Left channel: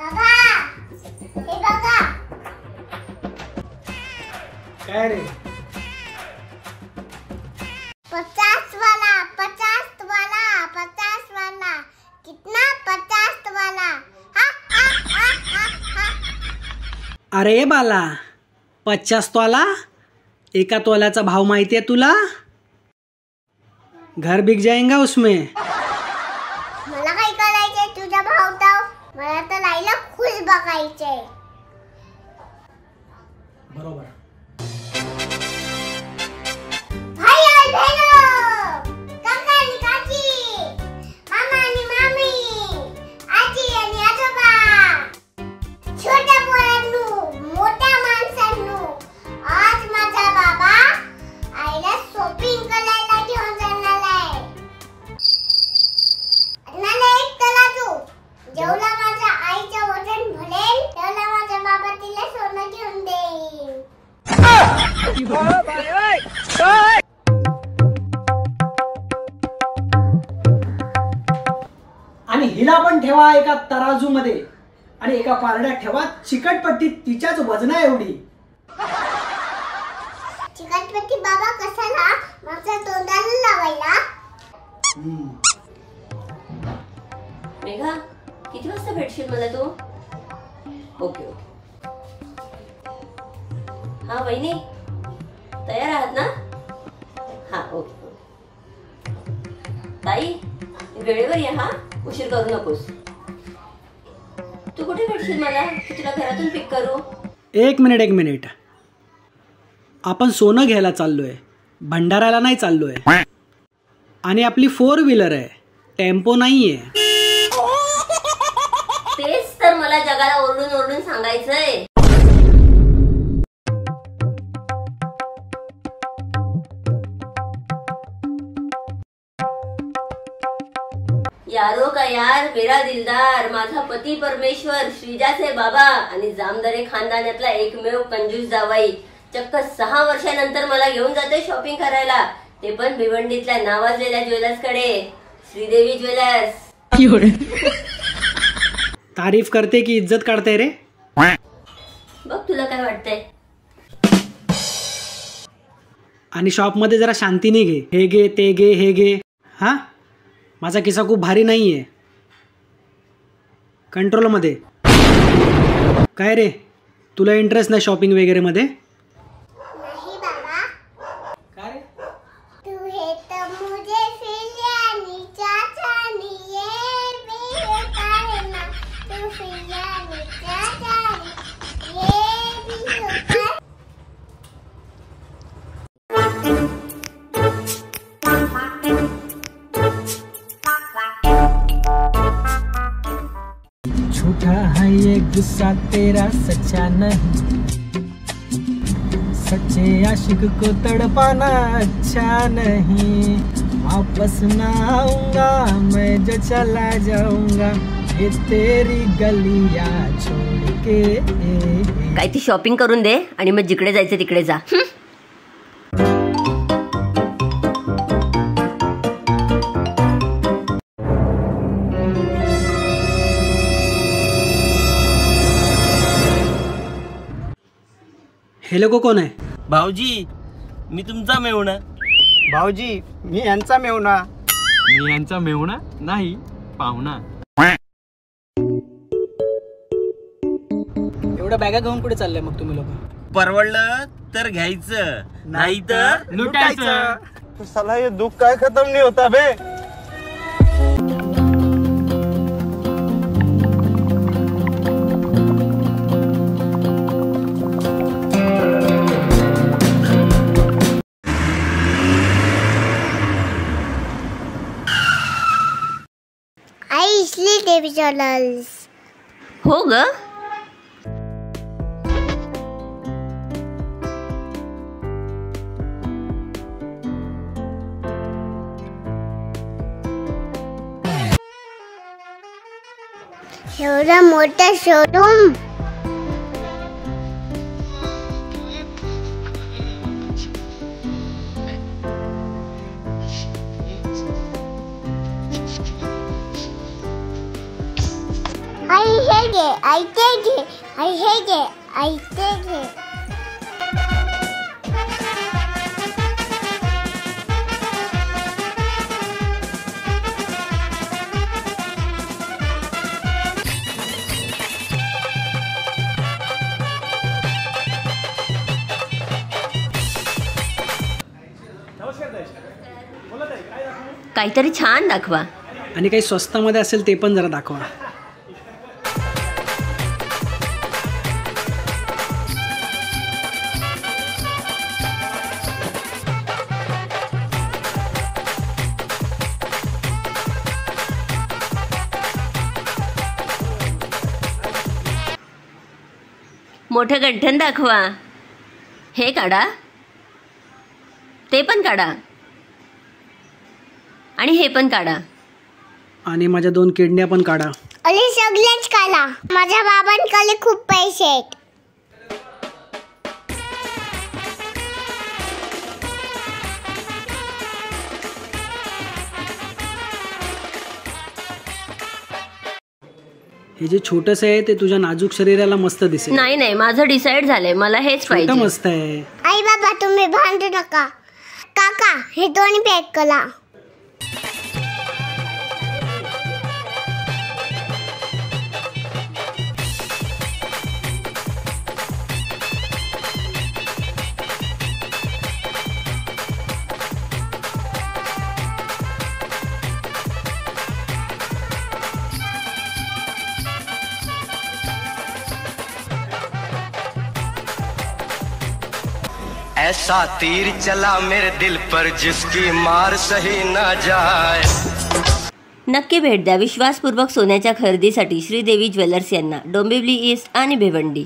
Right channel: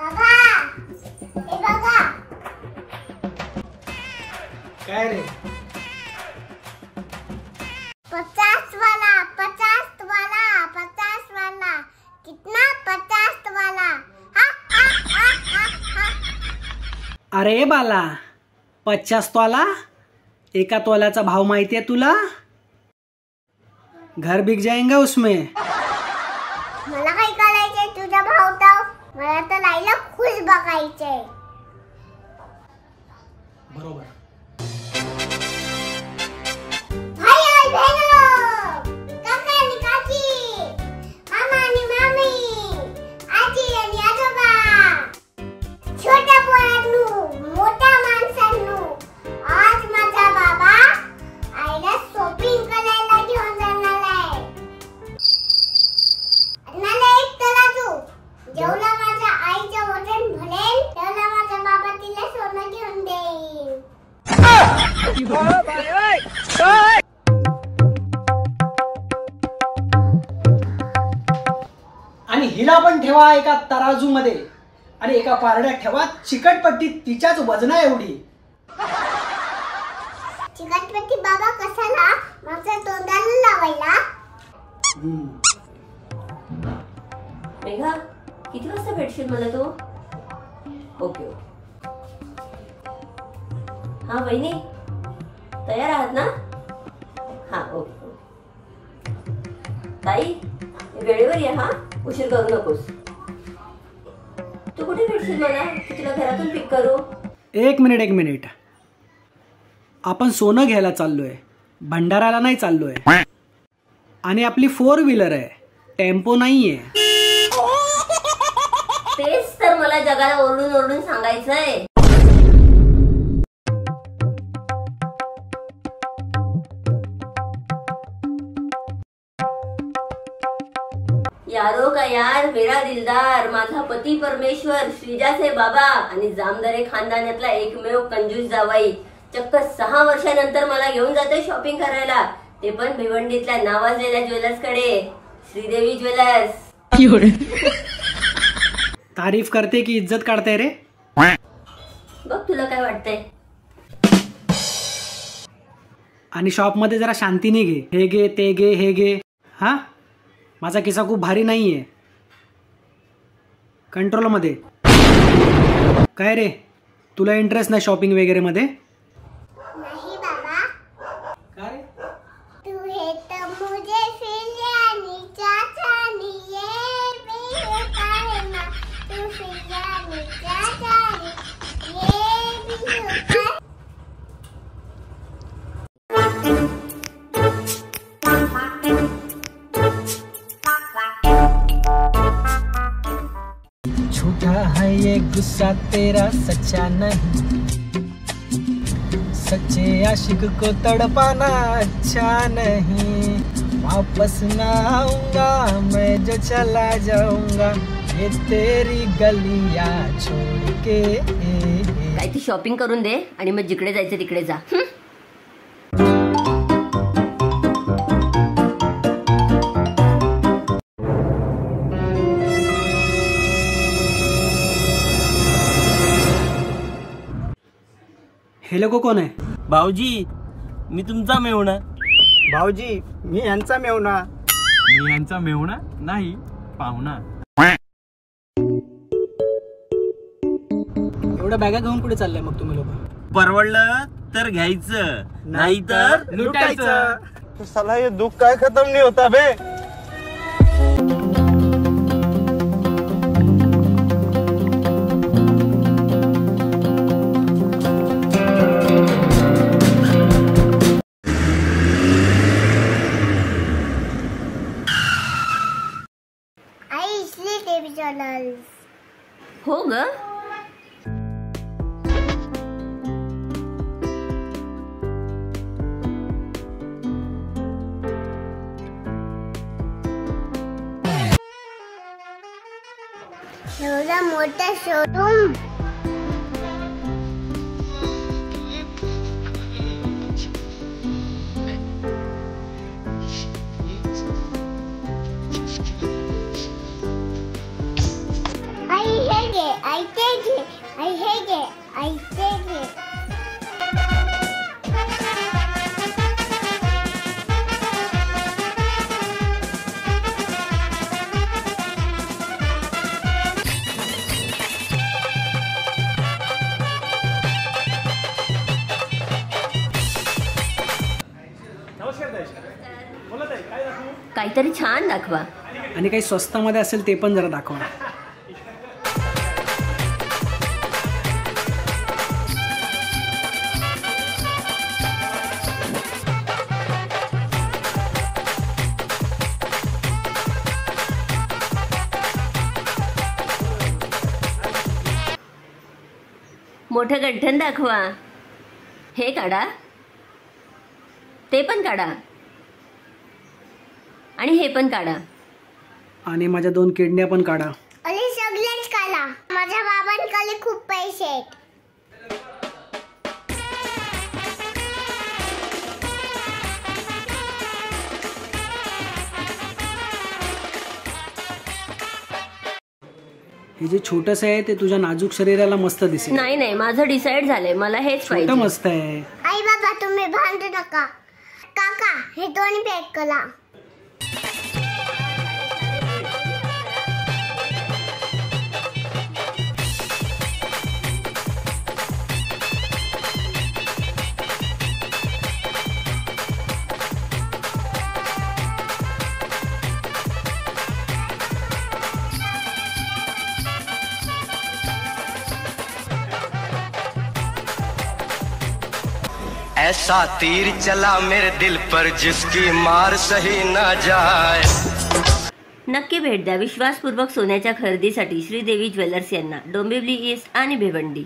बाबा हे बघा. काय रे? 50 वाला 50 वाला 50 वाला कितना 50 वाला. हा हा हा हा हा. अरे बाला, 50 तोला? एका तोल्याचा भाव माहिती है तुला? घर बिक जाएगा उसमें. मला काय करायचंय तुझा भाव तर? मला तर लाईला खुश बघायचंय. बरोबर. भाई आणि बहिणो, काका आणि काकी, मामा आणि मामी, आजी आणि आजोबा, छोट्या पोरांनो, मोठ्या माणसांनो, आज माझा बाबा आईला शॉपिंग करायला घेऊन जाणार आहे. मला एक तराजू. जेवढा माझ्या आईचं वजन भरेल तेवढा माझा बाबा तिला सोनं घेऊन देईल. आणि हिला पण ठेवा एका तराजू मध्ये आणि एका पारड्यात ठेवा चिकटपट्टी तिच्याच वजना एवढी. चिकटपट्टी बाबा कशाला? माझ्या तोंडाला लावायला. मेघा, किती वाजता भेटशील मला तू? Okay okay. हा वहिनी, तयार आहात ना? हा ओके. ताई, वेळेवर ये हा, उशीर करू नकोस. तू कुठे भेटशील मला? तुला घरातून पिक करू? एक मिनिट. आपण सोनं घ्यायला चाललोय, भंडाराला नाही चाललोय. आणि आपली 4 व्हीलर आहे, टेम्पो नाहीये. तेच तर मला जगाला ओरडून ओरडून सांगायचंय. यारो का यार, मेरा दिलदार, माझा पती परमेश्वर, श्रीजाचे बाबा आणि जामदारे खानदानातला एकमेव कंजूस जावाई चक्क 6 वर्षानंतर मला घेऊन जाते शॉपिंग करायला. ते पण भिवंडीतल्या नावाजलेल्या ज्वेलर्स कडे, श्रीदेवी ज्वेलर्स. तारीफ करते की इज्जत काढते रे? बघ तुला काय वाटतंय. आणि शॉप मध्ये जरा शांतीने घे. हे घे, ते घे, हे घे. हा, माझा किस्सा खूप भारी नाहीये. कंट्रोल मध्ये. काय रे, तुला इंटरेस्ट नाही शॉपिंग वगैरे मध्ये? नाही बाबा. काय रे? तू हे तर मुझे फिरयानी चाचानी ये भी होता है ना. तू फिरयानी चाचानी ये भी होता है. झूठा है ये गुस्सा तेरा, सच्चा नहीं. सच्चे आशिक को तड़पाना अच्छा नहीं. वापस ना आऊंगा मैं जो चला जाऊंगा, ये तेरी गलियां छोड़ के. काय ती शॉपिंग करून दे आणि मग जिकडे जायचं तिकडे जा. हे लोक कोण आहे? भाऊजी, मी तुमचा मेहुणा. भाऊजी, मी यांचा मेहुणा. मी यांचा मेहुणा नाही, पाहुणा. एवढ्या बॅगा घेऊन कुठे चाललंय मग तुम्ही लोक? परवडलं तर घ्यायचं, नाही तर लुटायचं. तो साला ये दुख काय खत्म नहीं होता बे. आई इसलिए देवी ज्वेलर्स. हो ग. एवढा मोठा शोरूम. आई हे घे आई ते घे आई हे घे आई ते घे. काहीतरी छान दाखवा. आणि काही स्वस्तामध्ये असेल ते पण जरा दाखवा. मोठं गंठण दाखवा. हे काढा, ते पण काढा आणि हे पण काढा. आणि माझ्या 2 किडन्या पण काढा. अरे सगळेच काढा. माझ्या बाबांकडे खूप पैसे आहेत. हे जे छोटस आहे ते तुझ्या नाजूक शरीराला मस्त दिसेल. नाही नाही, माझं डिसाईड झालंय, मला हेच छोटं पाहिजे. मस्त आहे. आई बाबा तुम्ही भांडू नका. काका हे दोन्ही पॅक करा. ऐसा तीर चला मेरे दिल पर जिसकी मार सही ना जाए. नक्की भेट द्या विश्वासपूर्वक सोन्याच्या खरेदीसाठी श्रीदेवी ज्वेलर्स यांना, डोंबिवली ईस्ट आणि भिवंडी.